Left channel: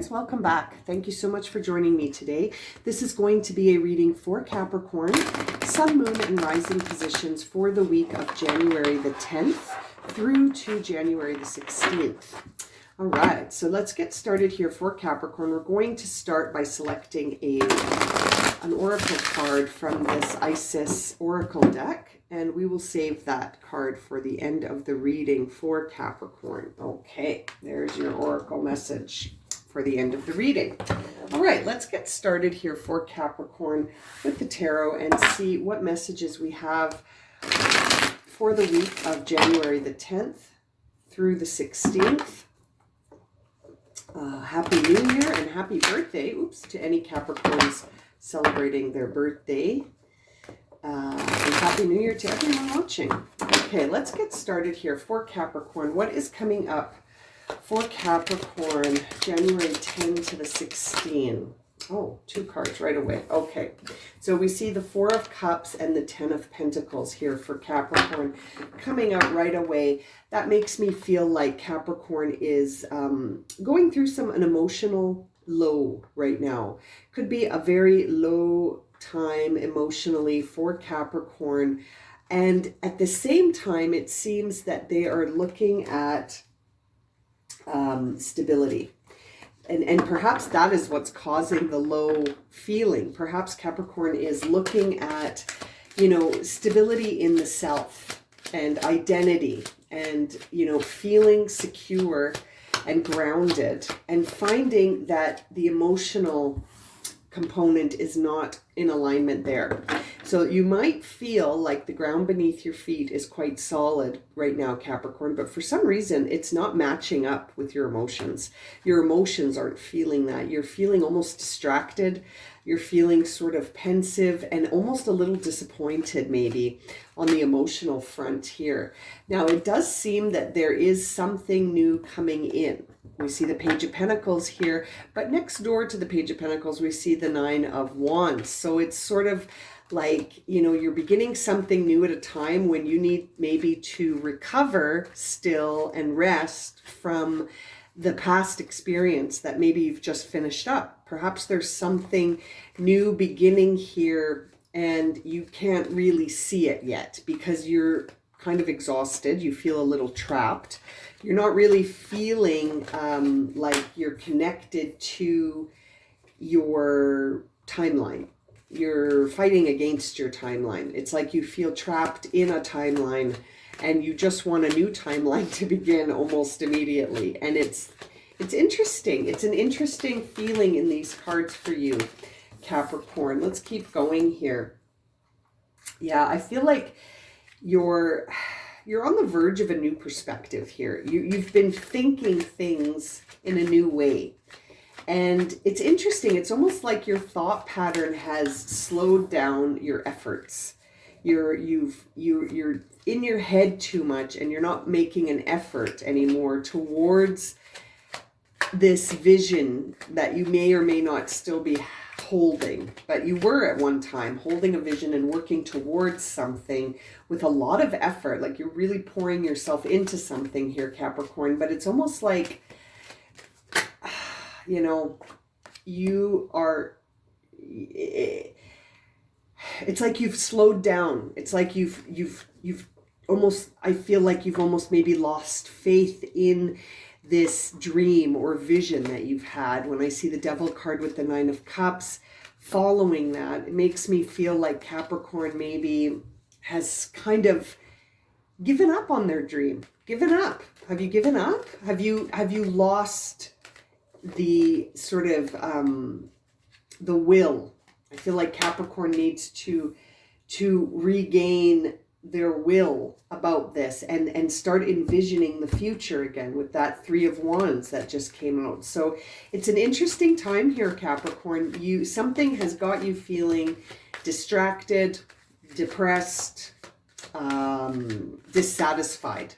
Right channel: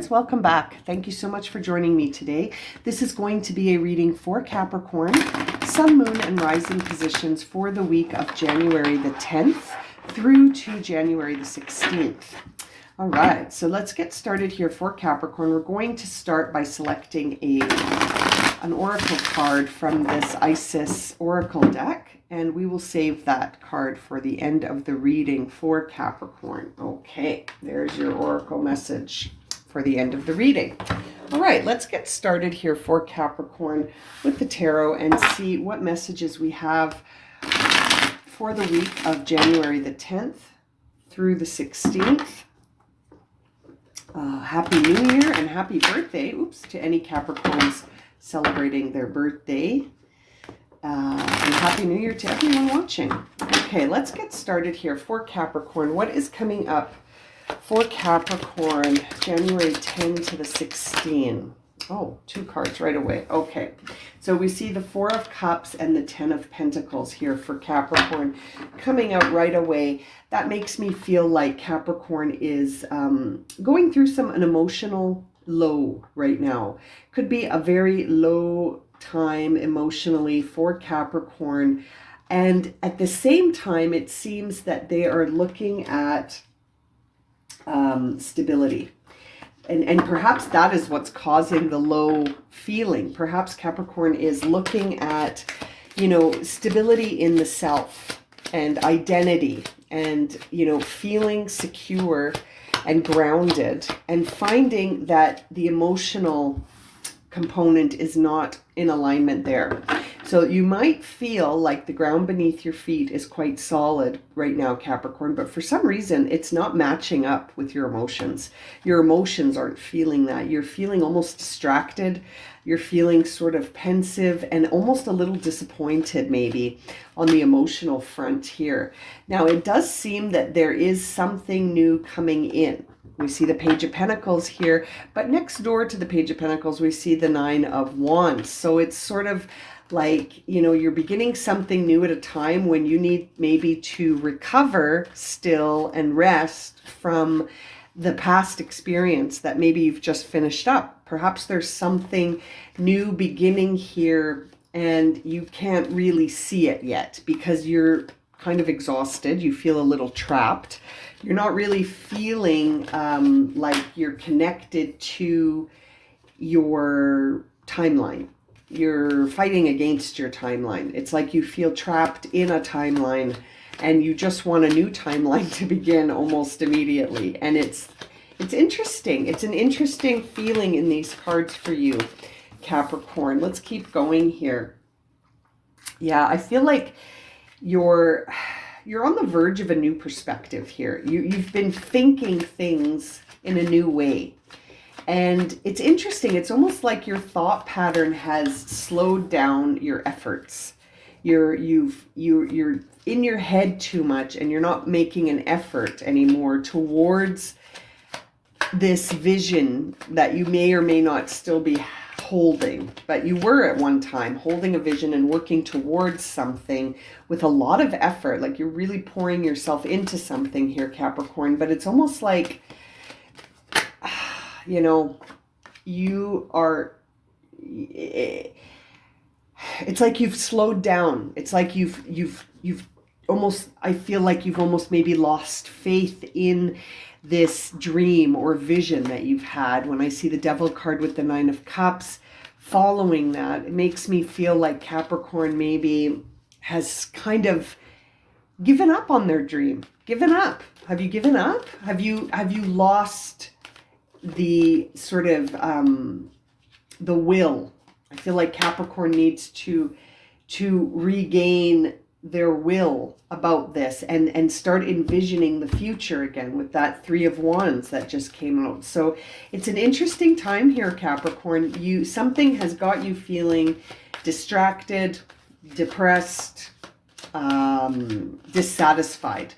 friends, welcome back. Thank you so much for joining me today. This is going to be a reading for Capricorn, Sun, Moon, and Rising positions for the week of January the 10th through to January the 16th. All right, so let's get started here for Capricorn. We're going to start by selecting an oracle card from this Isis oracle deck, and we will save that card for the end of the reading for Capricorn. Okay, there's your oracle message for the end of the reading. All right, let's get started here for Capricorn with the tarot and see what messages we have for the week of January the 10th through the 16th. Happy New Year and happy birthday, to any Capricorns celebrating their birthday. And Happy New Year to everyone watching. Okay, let's get started here for Capricorn. What is coming up for Capricorn, January 10 to the 16? Oh, two cards right away. Okay, so we see the Four of Cups and the Ten of Pentacles here for Capricorn coming out right away. That makes me feel like Capricorn is going through an emotional low right now. Could be a very low time emotionally for Capricorn. And at the same time, it seems that they are looking at stability. And perhaps that is what's causing the low feeling. Perhaps Capricorn is looking at, stability in the self and identity and, feeling secure and grounded and finding that the emotional component is not in alignment there. So you might feel like the ground beneath your feet is quite solid right now, Capricorn, but for some reason it's not matching up with your emotions. Your emotions aren't feeling that. You're feeling almost distracted. You're feeling sort of pensive and almost a little disappointed maybe on the emotional front here. Now, it does seem that there is something new coming in. We see the Page of Pentacles here, but next door to the Page of Pentacles, we see the Nine of Wands. So it's sort of like, you're beginning something new at a time when you need maybe to recover still and rest from the past experience that maybe you've just finished up. Perhaps there's something new beginning here and you can't really see it yet because you're kind of exhausted. You feel a little trapped. You're not really feeling like you're connected to your timeline. You're fighting against your timeline. It's like you feel trapped in a timeline and you just want a new timeline to begin almost immediately. And it's interesting. It's an interesting feeling in these cards for you, Capricorn. Let's keep going here. Yeah, I feel like you're on the verge of a new perspective here. You've been thinking things in a new way. And it's interesting. It's almost like your thought pattern has slowed down your efforts. You're in your head too much and you're not making an effort anymore towards this vision that you may or may not still be holding, but you were at one time holding a vision and working towards something with a lot of effort. Like you're really pouring yourself into something here, Capricorn, but it's almost like it's like you've slowed down. It's like you've almost, I feel like you've almost maybe lost faith in this dream or vision that you've had. When I see the Devil card with the Nine of Cups following that, it makes me feel like Capricorn maybe has kind of given up on their dream. Given up. Have you given up? Have you lost the sort of the will? I feel like Capricorn needs to regain their will about this and start envisioning the future again with that Three of Wands that just came out. So it's an interesting time here, Capricorn. Something has got you feeling distracted, depressed, dissatisfied.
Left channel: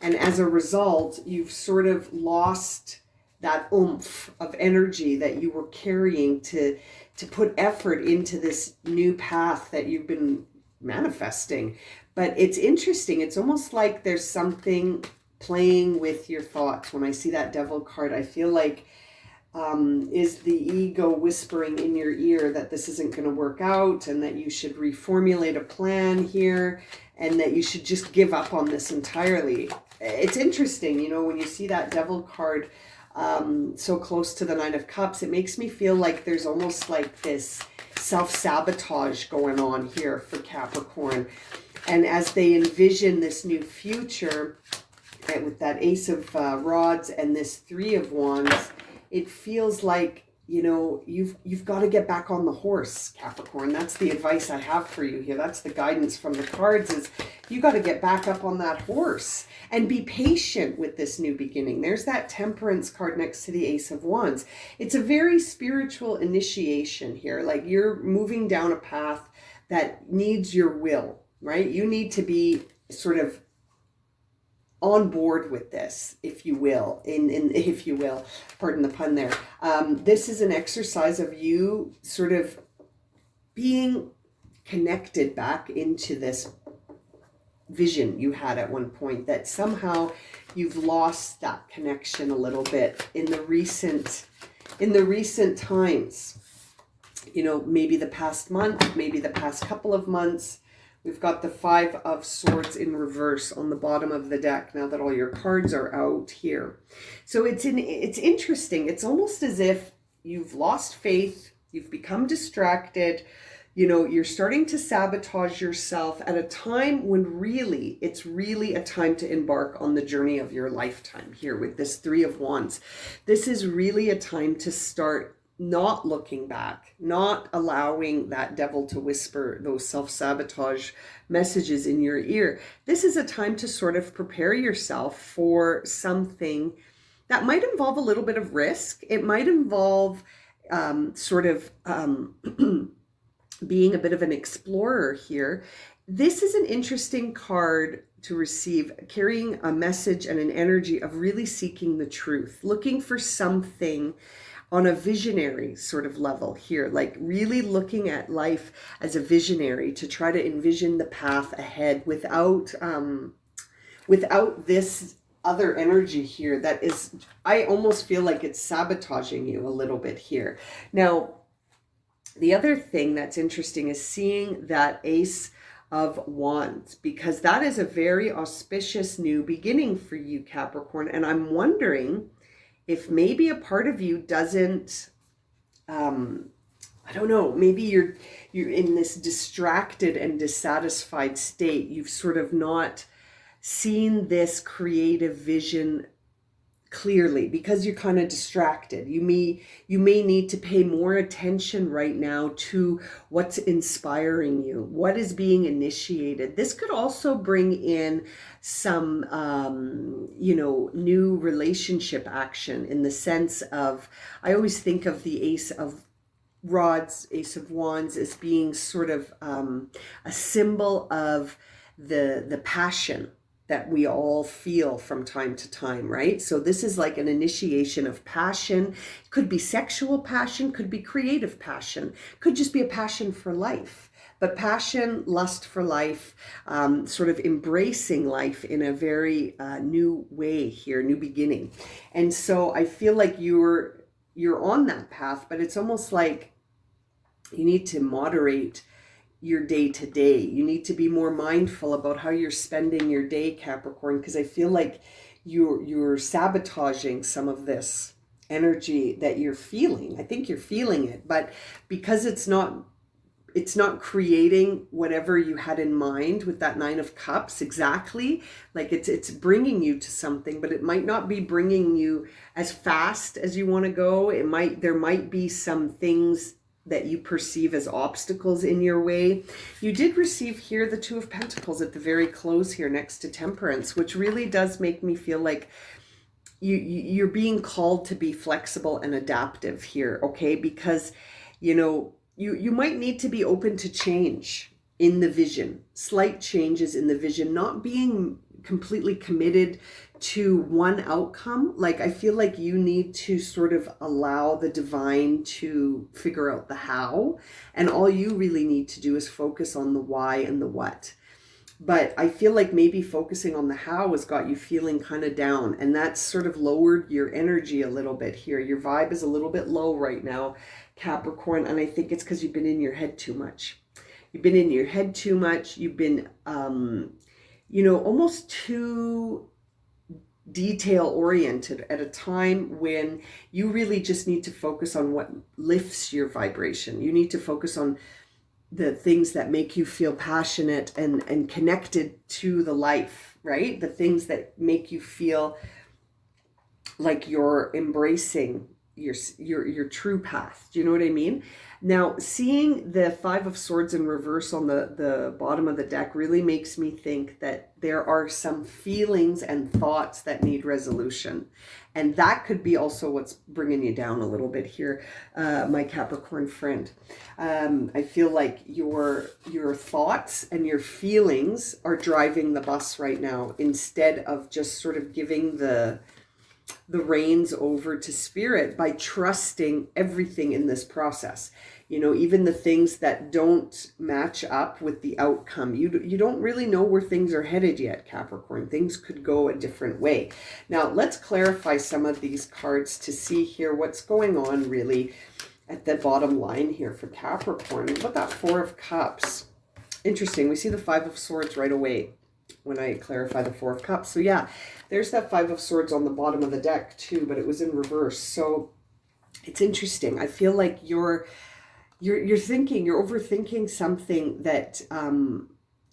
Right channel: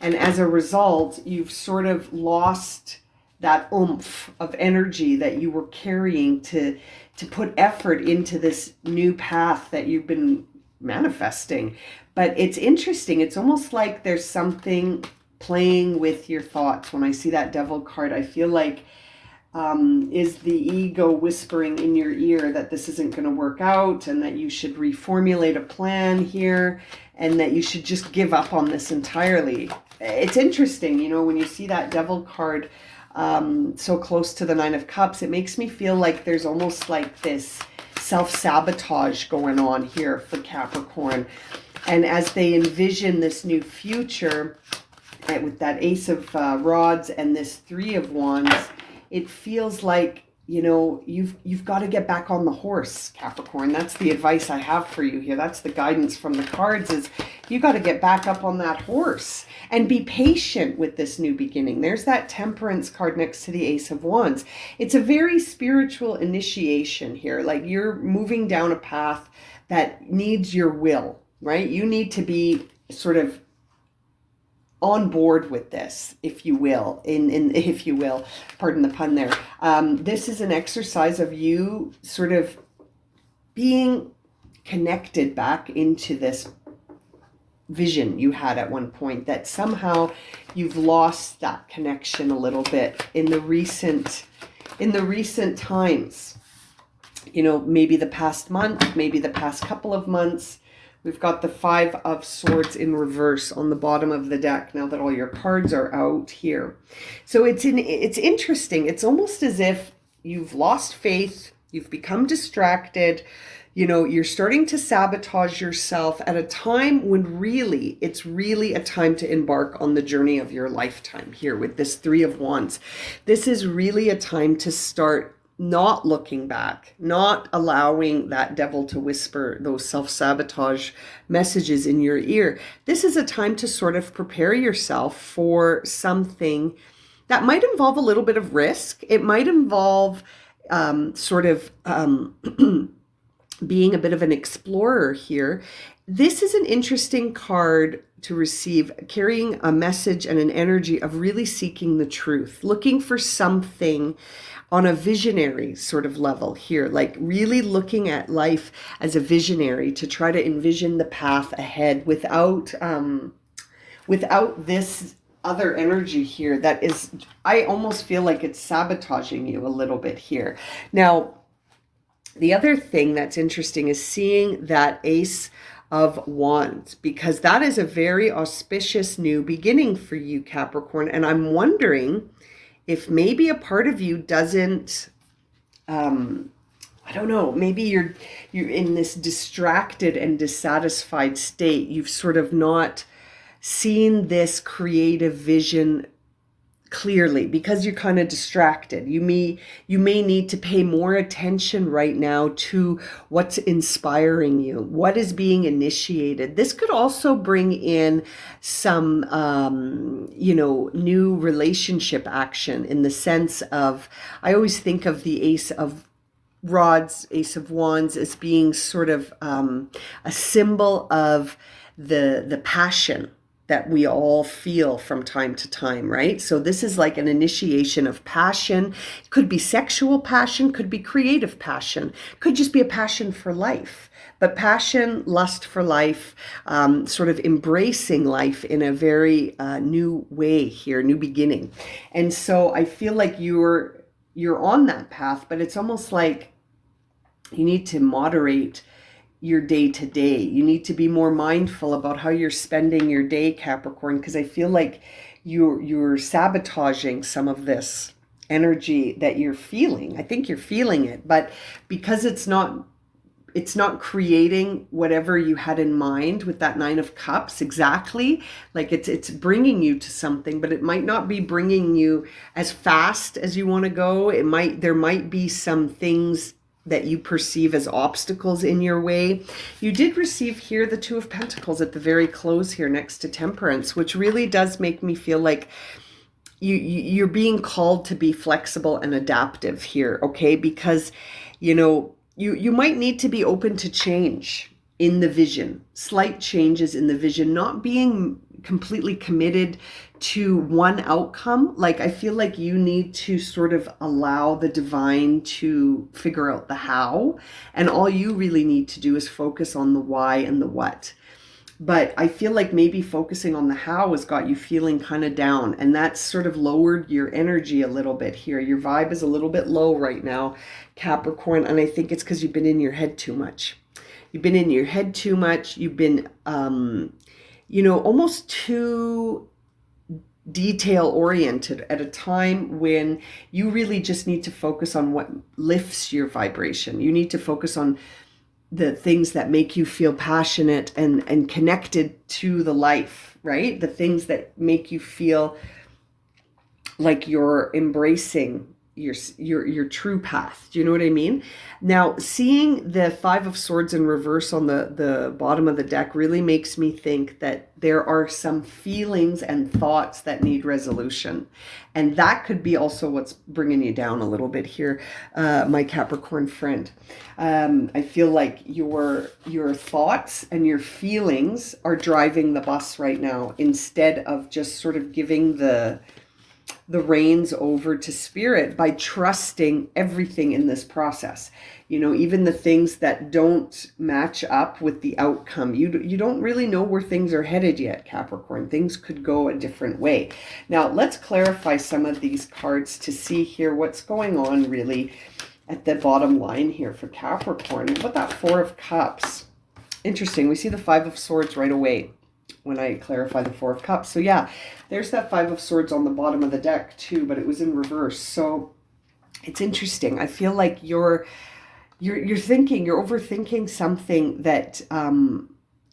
And as a result, you've sort of lost that oomph of energy that you were carrying to put effort into this new path that you've been manifesting. But it's interesting. It's almost like there's something playing with your thoughts. When I see that Devil card, I feel like is the ego whispering in your ear that this isn't going to work out and that you should reformulate a plan here and that you should just give up on this entirely. It's interesting, you know, when you see that devil card so close to the Nine of Cups, it makes me feel like there's almost like this self-sabotage going on here for Capricorn. And as they envision this new future, with that Ace of Rods and this Three of Wands, it feels like, you know, you've got to get back on the horse, Capricorn. That's the advice I have for you here. That's the guidance from the cards, is you got to get back up on that horse and be patient with this new beginning. There's that Temperance card next to the Ace of Wands. It's a very spiritual initiation here. Like you're moving down a path that needs your will, right? You need to be sort of on board with this, if you will, if you will, pardon the pun there. This is an exercise of you sort of being connected back into this vision you had at one point, that somehow you've lost that connection a little bit in the recent times. You know, maybe the past month, maybe the past couple of months. We've got the Five of Swords in reverse on the bottom of the deck now that all your cards are out here. So it's interesting. It's almost as if you've lost faith, you've become distracted, you know, you're starting to sabotage yourself at a time when really, it's really a time to embark on the journey of your lifetime here with this Three of Wands. This is really a time to start not looking back, not allowing that devil to whisper those self-sabotage messages in your ear. This is a time to sort of prepare yourself for something that might involve a little bit of risk. It might involve being a bit of an explorer here. This is an interesting card to receive, carrying a message and an energy of really seeking the truth, looking for something on a visionary sort of level here, like really looking at life as a visionary to try to envision the path ahead without this other energy here that is, I almost feel like it's sabotaging you a little bit here. Now, the other thing that's interesting is seeing that Ace of Wands, because that is a very auspicious new beginning for you, Capricorn. And I'm wondering if maybe a part of you doesn't, I don't know, maybe you're in this distracted and dissatisfied state. You've sort of not seen this creative vision clearly because you're kind of distracted. You may need to pay more attention right now to what's inspiring you, what is being initiated. This could also bring in some new relationship action, in the sense of, I always think of the Ace of Rods, Ace of Wands, as being sort of a symbol of the passion that we all feel from time to time, right? So this is like an initiation of passion. It could be sexual passion, could be creative passion, could just be a passion for life. But passion, lust for life, sort of embracing life in a very new way here, new beginning. And so I feel like you're on that path, but it's almost like you need to moderate your day to day. You need to be more mindful about how you're spending your day, Capricorn, because I feel like you're sabotaging some of this energy that you're feeling. I think you're feeling it, but because it's not creating whatever you had in mind with that Nine of Cups exactly. Like it's bringing you to something, but it might not be bringing you as fast as you want to go. There might be some things that you perceive as obstacles in your way. You did receive here the Two of Pentacles at the very close here next to Temperance, which really does make me feel like you're being called to be flexible and adaptive here, okay? Because, you might need to be open to change in the vision, slight changes in the vision, not being completely committed to one outcome. Like, I feel like you need to sort of allow the divine to figure out the how, and all you really need to do is focus on the why and the what. But I feel like maybe focusing on the how has got you feeling kind of down, and that's sort of lowered your energy a little bit here. Your vibe is a little bit low right now, Capricorn, and I think it's because you've been in your head too much. You've been in your head too much. You've been, almost too detail oriented at a time when you really just need to focus on what lifts your vibration. You need to focus on the things that make you feel passionate and connected to the life, right? The things that make you feel like you're embracing your true path. Do you know what I mean? Now, seeing the Five of Swords in reverse on the bottom of the deck really makes me think that there are some feelings and thoughts that need resolution. And that could be also what's bringing you down a little bit here, my Capricorn friend. I feel like your thoughts and your feelings are driving the bus right now, instead of just sort of giving the reins over to spirit by trusting everything in this process. Even the things that don't match up with the outcome. You don't really know where things are headed yet, Capricorn. Things could go a different way. Now, let's clarify some of these cards to see here what's going on really at the bottom line here for Capricorn. What about that Four of Cups? Interesting. We see the Five of Swords right away when I clarify the Four of Cups. So yeah, there's that Five of Swords on the bottom of the deck too, but it was in reverse. So it's interesting. I feel like you're overthinking something that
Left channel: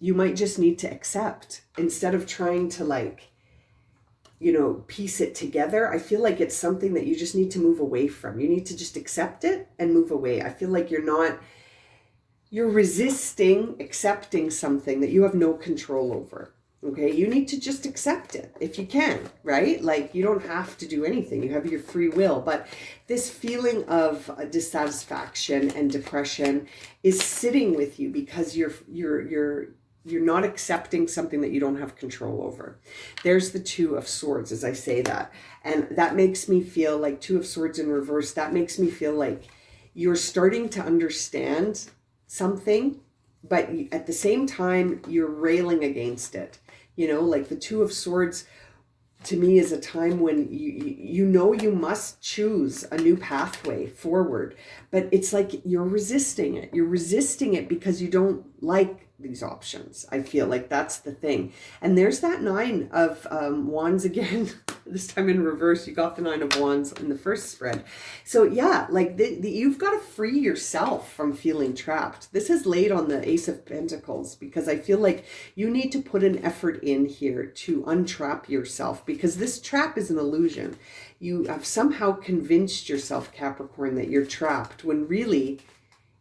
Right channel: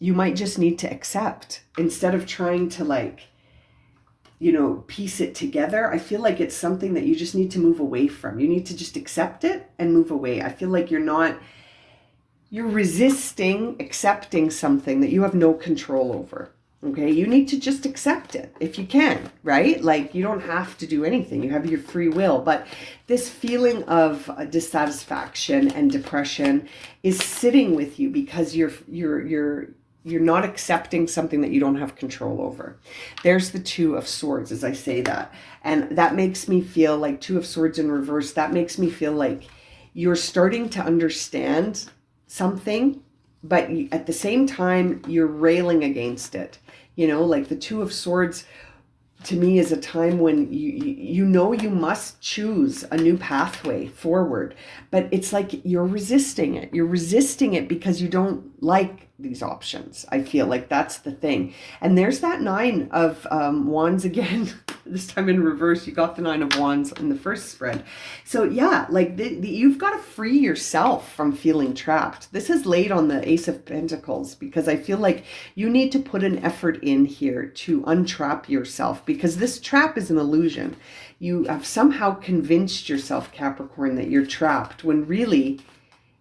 you might just need to accept instead of trying to piece it together. I feel like it's something that you just need to move away from. You need to just accept it and move away. I feel like you're resisting accepting something that you have no control over. Okay, you need to just accept it if you can, right? Like, you don't have to do anything. You have your free will. But this feeling of dissatisfaction and depression is sitting with you because you're not accepting something that you don't have control over. There's the Two of Swords as I say that. And that makes me feel like Two of Swords in reverse. That makes me feel like you're starting to understand something, but at the same time, you're railing against it. Like the Two of Swords to me is a time when you must choose a new pathway forward, but it's like you're resisting it. You're resisting it because you don't like these options. I feel like that's the thing. And there's that Nine of Wands again. This time in reverse. You got the Nine of Wands in the first spread. So yeah, like you've got to free yourself from feeling trapped. This is laid on the Ace of Pentacles because I feel like you need to put an effort in here to untrap yourself, because this trap is an illusion. You have somehow convinced yourself, Capricorn, that you're trapped, when really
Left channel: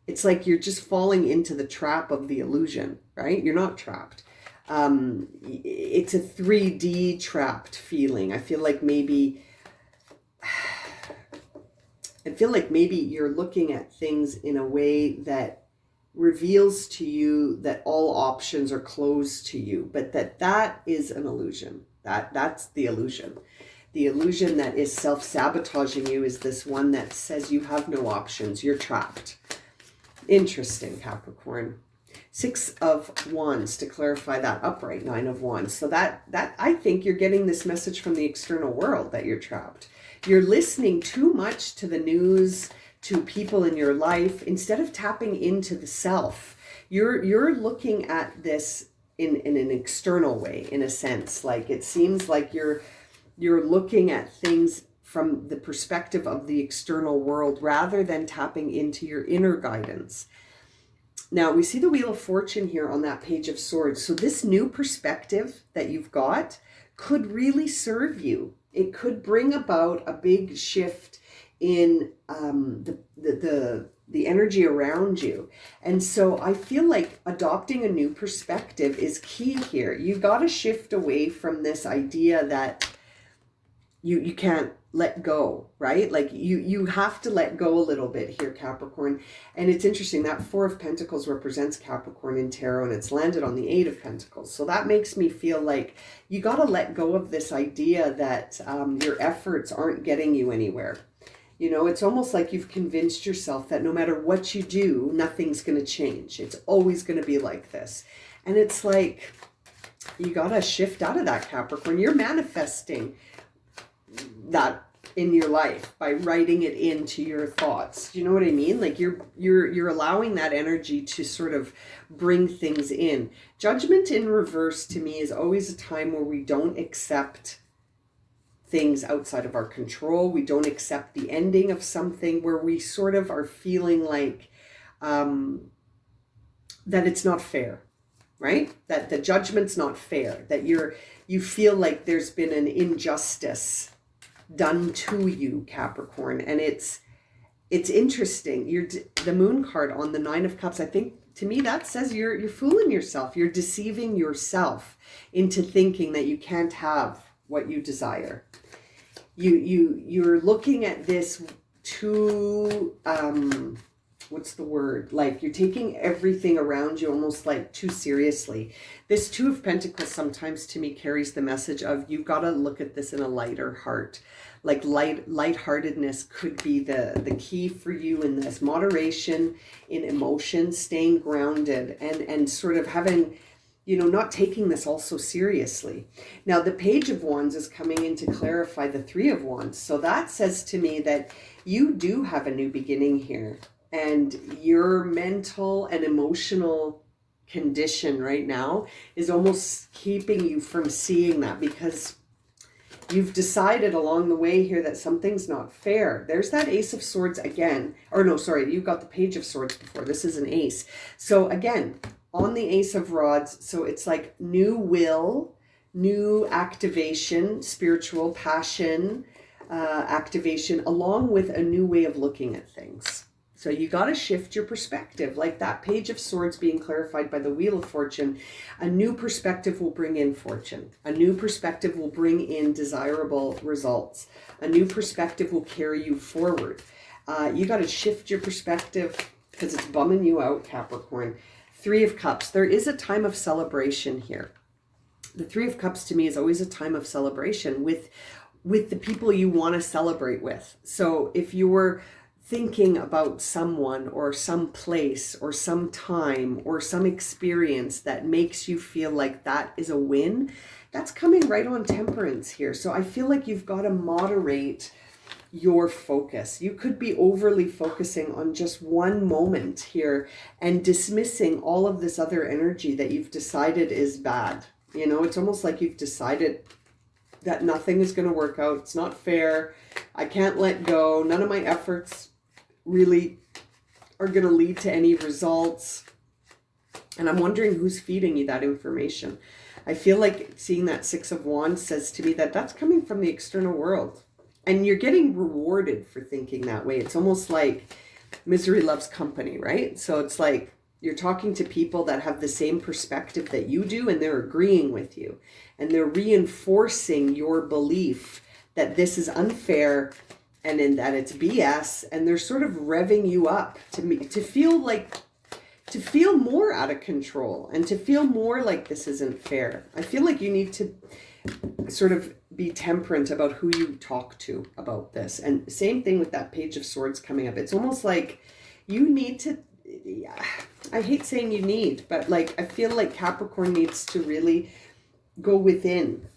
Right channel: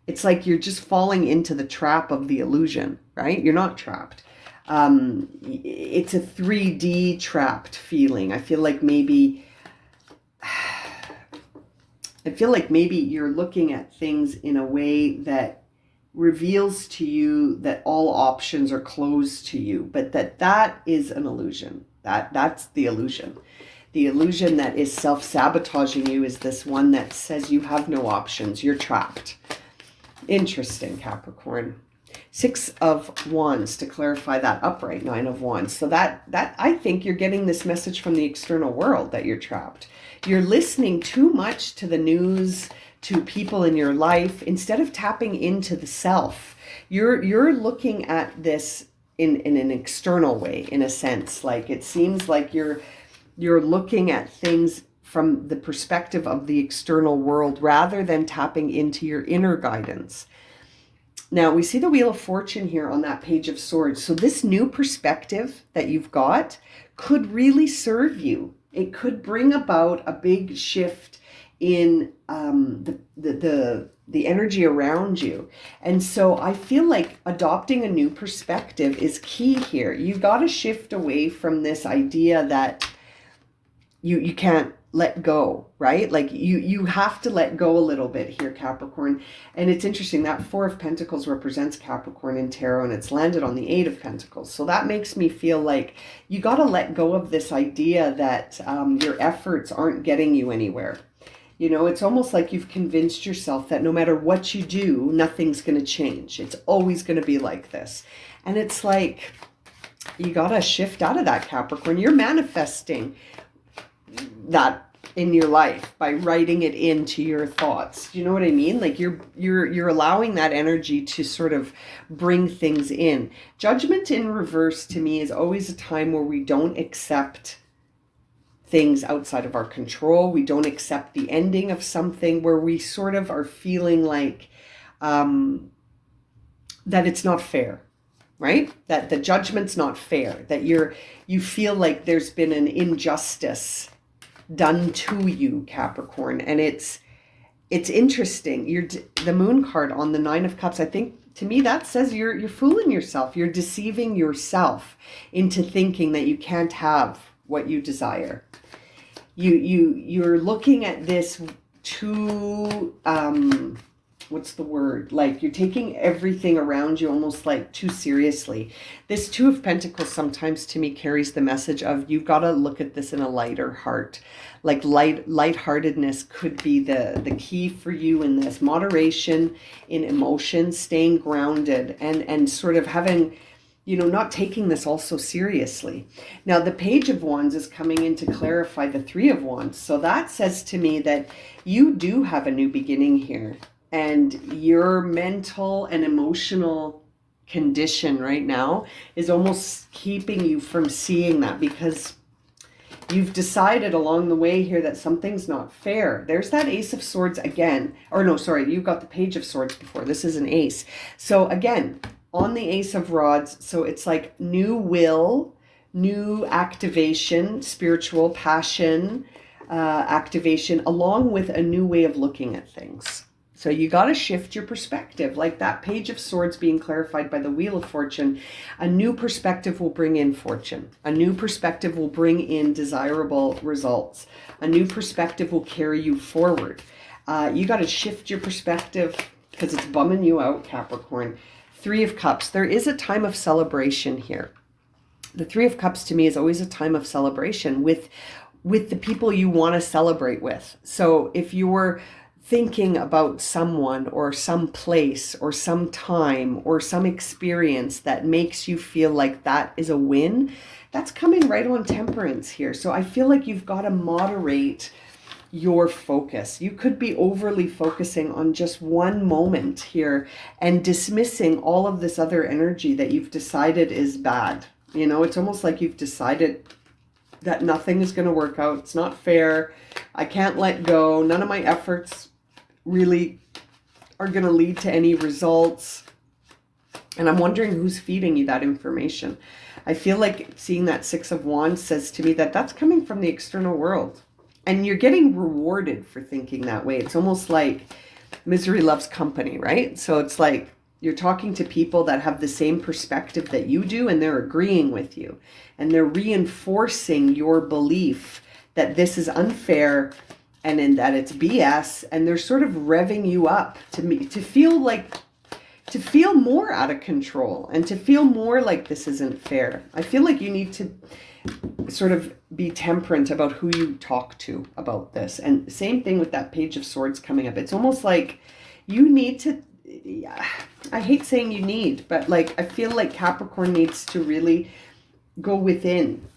it's like you're just falling into the trap of the illusion, right? You're not trapped. It's a 3D trapped feeling. I feel like maybe you're looking at things in a way that reveals to you that all options are closed to you, but that is an illusion. That's the illusion. The illusion that is self-sabotaging you is this one that says you have no options. You're trapped. Interesting, Capricorn. Six of Wands to clarify that upright Nine of Wands. So that I think you're getting this message from the external world that you're trapped. You're listening too much to the news, to people in your life, instead of tapping into the self. You're looking at this in an external way, in a sense. Like, it seems like you're looking at things from the perspective of the external world rather than tapping into your inner guidance. Now, we see the Wheel of Fortune here on that Page of Swords. So this new perspective that you've got could really serve you. It could bring about a big shift in the energy around you. And so I feel like adopting a new perspective is key here. You got to shift away from this idea that you can't let go, right? Like you have to let go a little bit here, Capricorn. And it's interesting that Four of Pentacles represents Capricorn in tarot, and it's landed on the Eight of Pentacles. So that makes me feel like you got to let go of this idea that your efforts aren't getting you anywhere. It's almost like you've convinced yourself that no matter what you do, nothing's going to change. It's always going to be like this. And it's like, you got to shift out of that, Capricorn. You're manifesting that in your life by writing it into your thoughts. Do you know what I mean? Like you're allowing that energy to sort of bring things in. Judgment in reverse to me is always a time where we don't accept things outside of our control. We don't accept the ending of something, where we sort of are feeling like that it's not fair, right? That the judgment's not fair, that you feel like there's been an injustice done to you, Capricorn. And it's interesting. The Moon card on the Nine of Cups, I think to me that says you're fooling yourself. You're deceiving yourself into thinking that you can't have what you desire. You're looking at this too what's the word? Like you're taking everything around you almost like too seriously. This Two of Pentacles sometimes to me carries the message of you've got to look at this in a lighter heart. Like lightheartedness could be the key for you in this. Moderation in emotions, staying grounded, and sort of having, not taking this all so seriously. Now, the Page of Wands is coming in to clarify the Three of Wands. So that says to me that you do have a new beginning here. And your mental and emotional condition right now is almost keeping you from seeing that, because you've decided along the way here that something's not fair. There's that Ace of Swords again. Or no, sorry, you got the Page of Swords before. This is an Ace. So again, on the Ace of Rods, so it's like new will, new activation, spiritual passion, activation, along with a new way of looking at things. So you got to shift your perspective. Like that Page of Swords being clarified by the Wheel of Fortune, a new perspective will bring in fortune. A new perspective will bring in desirable results. A new perspective will carry you forward. You got to shift your perspective because it's bumming you out, Capricorn. Three of Cups. There is a time of celebration here. The Three of Cups to me is always a time of celebration with the people you want to celebrate with. So if you're thinking about someone or some place or some time or some experience that makes you feel like that is a win, that's coming right on Temperance here. So I feel like you've got to moderate your focus. You could be overly focusing on just one moment here and dismissing all of this other energy that you've decided is bad. It's almost like you've decided that nothing is going to work out. It's not fair. I can't let go. None of my efforts really are going to lead to any results. And I'm wondering who's feeding you that information. I feel like seeing that Six of Wands says to me that that's coming from the external world. And you're getting rewarded for thinking that way. It's almost like misery loves company, right? So it's like you're talking to people that have the same perspective that you do, and they're agreeing with you. And they're reinforcing your belief that this is unfair and in that it's BS, and they're sort of revving you up to feel more out of control and to feel more like this isn't fair. I feel like you need to sort of be temperate about who you talk to about this. And same thing with that Page of Swords coming up. It's almost like you need to, I hate saying you need, but like I feel like Capricorn needs to really go within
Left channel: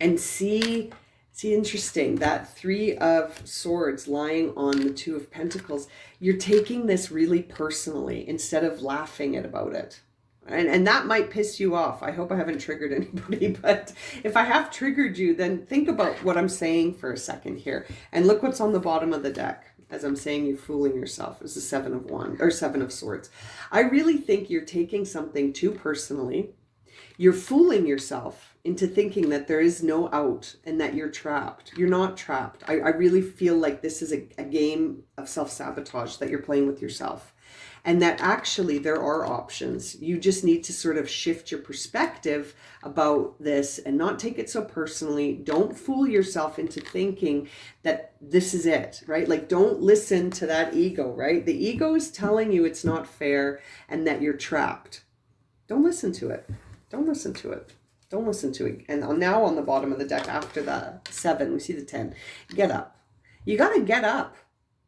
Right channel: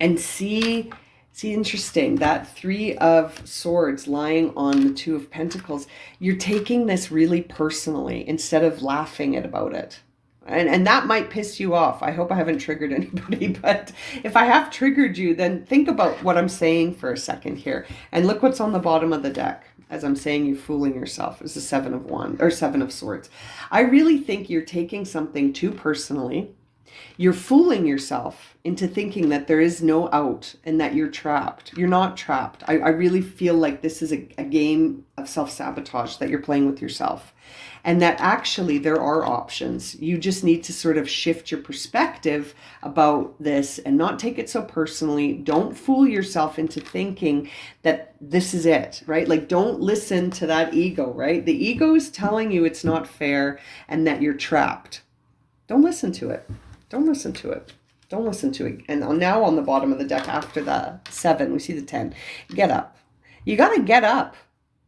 and see, interesting, that Three of Swords lying on the Two of Pentacles. You're taking this really personally instead of laughing about it. And that might piss you off. I hope I haven't triggered anybody, but if I have triggered you, then think about what I'm saying for a second here. And look what's on the bottom of the deck. As I'm saying, you're fooling yourself. It's the Seven of Swords. I really think you're taking something too personally. You're fooling yourself into thinking that there is no out and that you're trapped. You're not trapped. I really feel like this is a game of self-sabotage that you're playing with yourself. And that actually there are options. You just need to sort of shift your perspective about this and not take it so personally. Don't fool yourself into thinking that this is it, right? Like don't listen to that ego, right? The ego is telling you it's not fair and that you're trapped. Don't listen to it. Don't listen to it. Don't listen to it. And now on the bottom of the deck after the 7, we see the 10. Get up. You got to get up.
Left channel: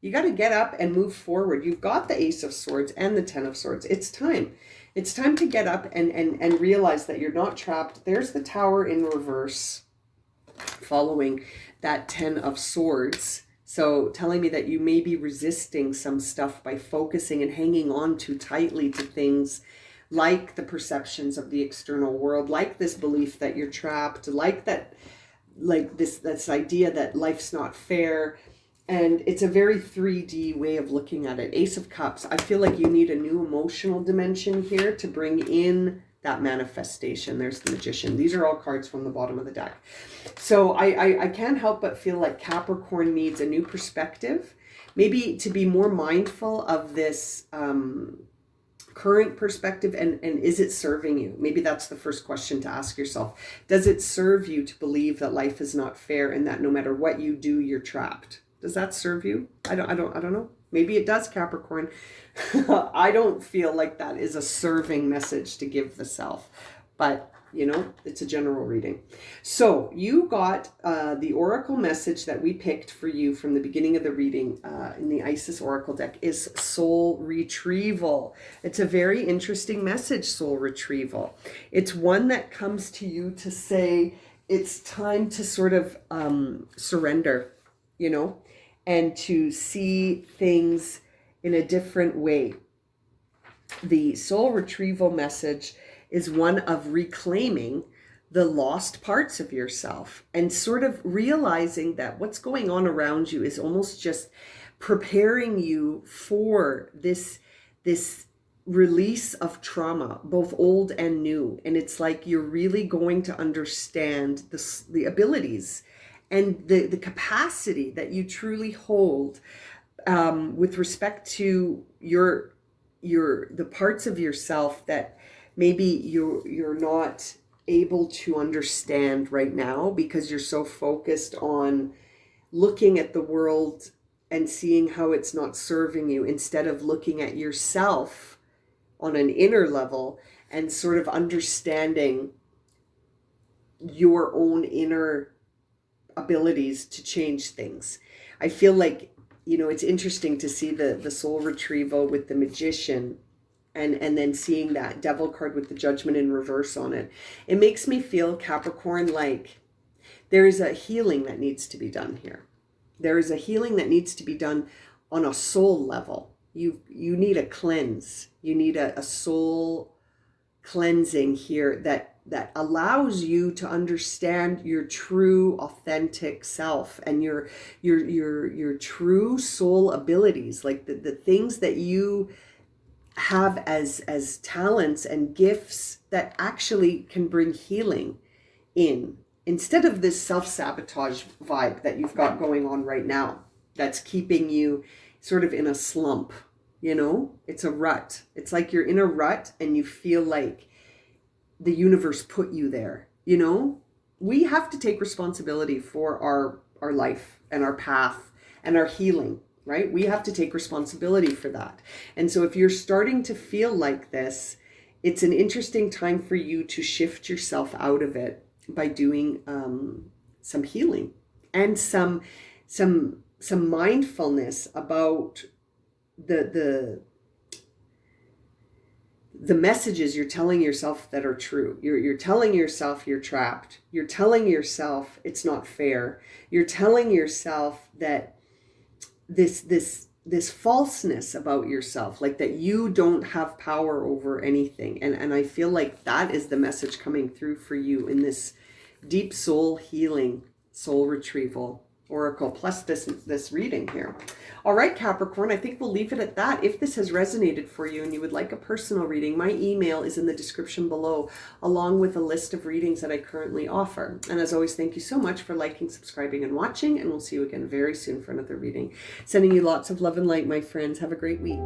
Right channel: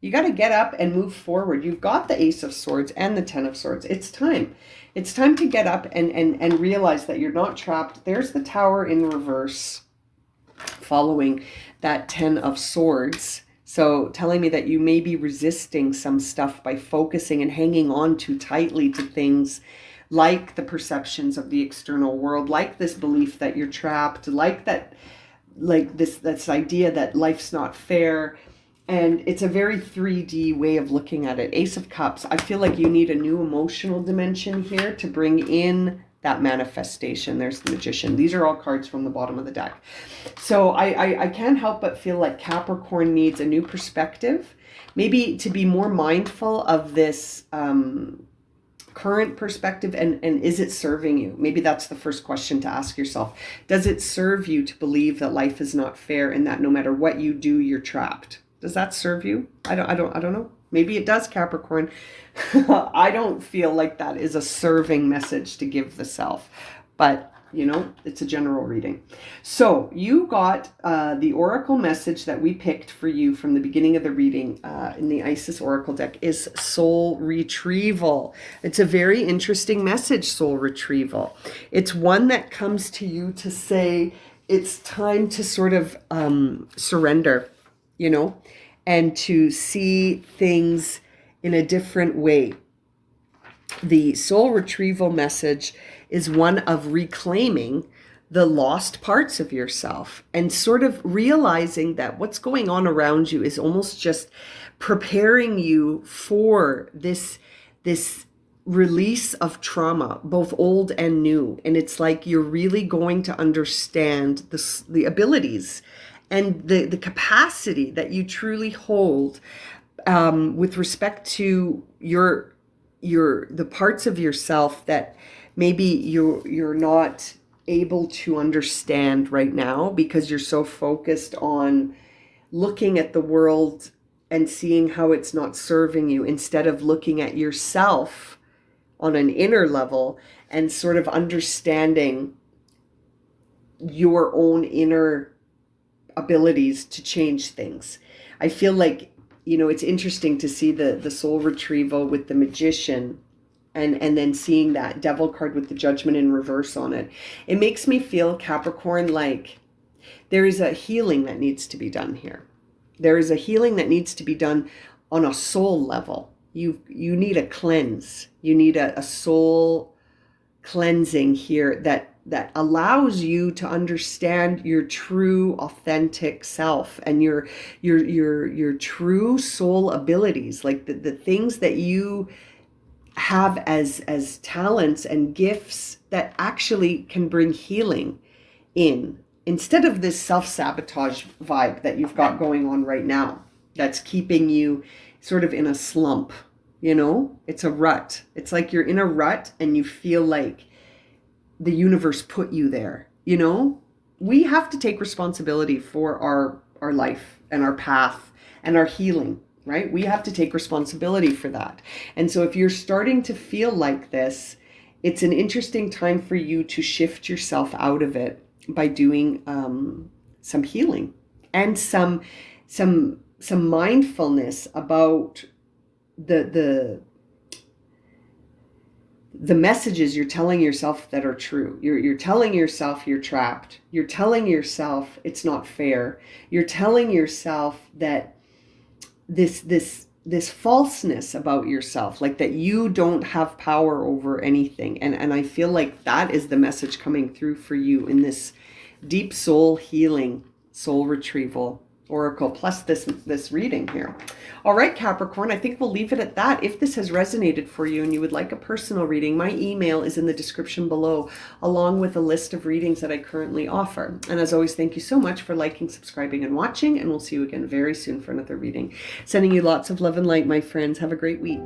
You got to get up and move forward. You've got the Ace of Swords and the 10 of Swords. It's time. It's time to get up and realize that you're not trapped. There's the Tower in reverse, following that 10 of Swords. So telling me that you may be resisting some stuff by focusing and hanging on too tightly to things like the perceptions of the external world, like this belief that you're trapped, like this idea that life's not fair. And it's a very 3D way of looking at it. Ace of Cups. I feel like you need a new emotional dimension here to bring in that manifestation. There's the Magician. These are all cards from the bottom of the deck. So I can't help but feel like Capricorn needs a new perspective, maybe to be more mindful of this current perspective, and is it serving you? Maybe that's the first question to ask yourself. Does it serve you to believe that life is not fair and that no matter what you do, you're trapped? Does that serve you? I don't know. Maybe it does, Capricorn. I don't feel like that is a serving message to give the self, but you know, it's a general reading. So you got the oracle message that we picked for you from the beginning of the reading in the Isis Oracle deck is soul retrieval. It's a very interesting message, soul retrieval. It's one that comes to you to say it's time to sort of surrender, you know, and to see things in a different way. The soul retrieval message is one of reclaiming the lost parts of yourself and sort of realizing that what's going on around you is almost just preparing you for this release of trauma, both old and new. And it's like you're really going to understand the abilities and the capacity that you truly hold with respect to the parts of yourself that maybe you're not able to understand right now because you're so focused on looking at the world and seeing how it's not serving you, instead of looking at yourself on an inner level and sort of understanding your own inner abilities to change things. I feel like, you know, it's interesting to see the soul retrieval with the Magician and then seeing that Devil card with the Judgment in reverse on it. It makes me feel, Capricorn, like there is a healing that needs to be done here. There is a healing that needs to be done on a soul level. You need a cleanse. You need a soul cleansing here that allows you to understand your true authentic self and your true soul abilities, like the things that you have as talents and gifts that actually can bring healing in, instead of this self-sabotage vibe that you've got going on right now that's keeping you sort of in a slump. You know, it's a rut. It's like you're in a rut and you feel like the universe put you there. You know, we have to take responsibility for our life and our path and our healing, right? We have to take responsibility for that. And so if you're starting to feel like this, it's an interesting time for you to shift yourself out of it by doing some healing and some mindfulness about the messages you're telling yourself that are true. You're telling yourself you're trapped. You're telling yourself it's not fair. You're telling yourself that this falseness about yourself, like that you don't have power over anything. And I feel like that is the message coming through for you in this deep soul healing, soul retrieval oracle, plus this reading here. All right, Capricorn, I think we'll leave it at that. If this has resonated for you and you would like a personal reading, my email is in the description below, along with a list of readings that I currently offer. And as always, thank you so much for liking, subscribing, and watching, and we'll see you again very soon for another reading. Sending you lots of love and light, my friends. Have a great week.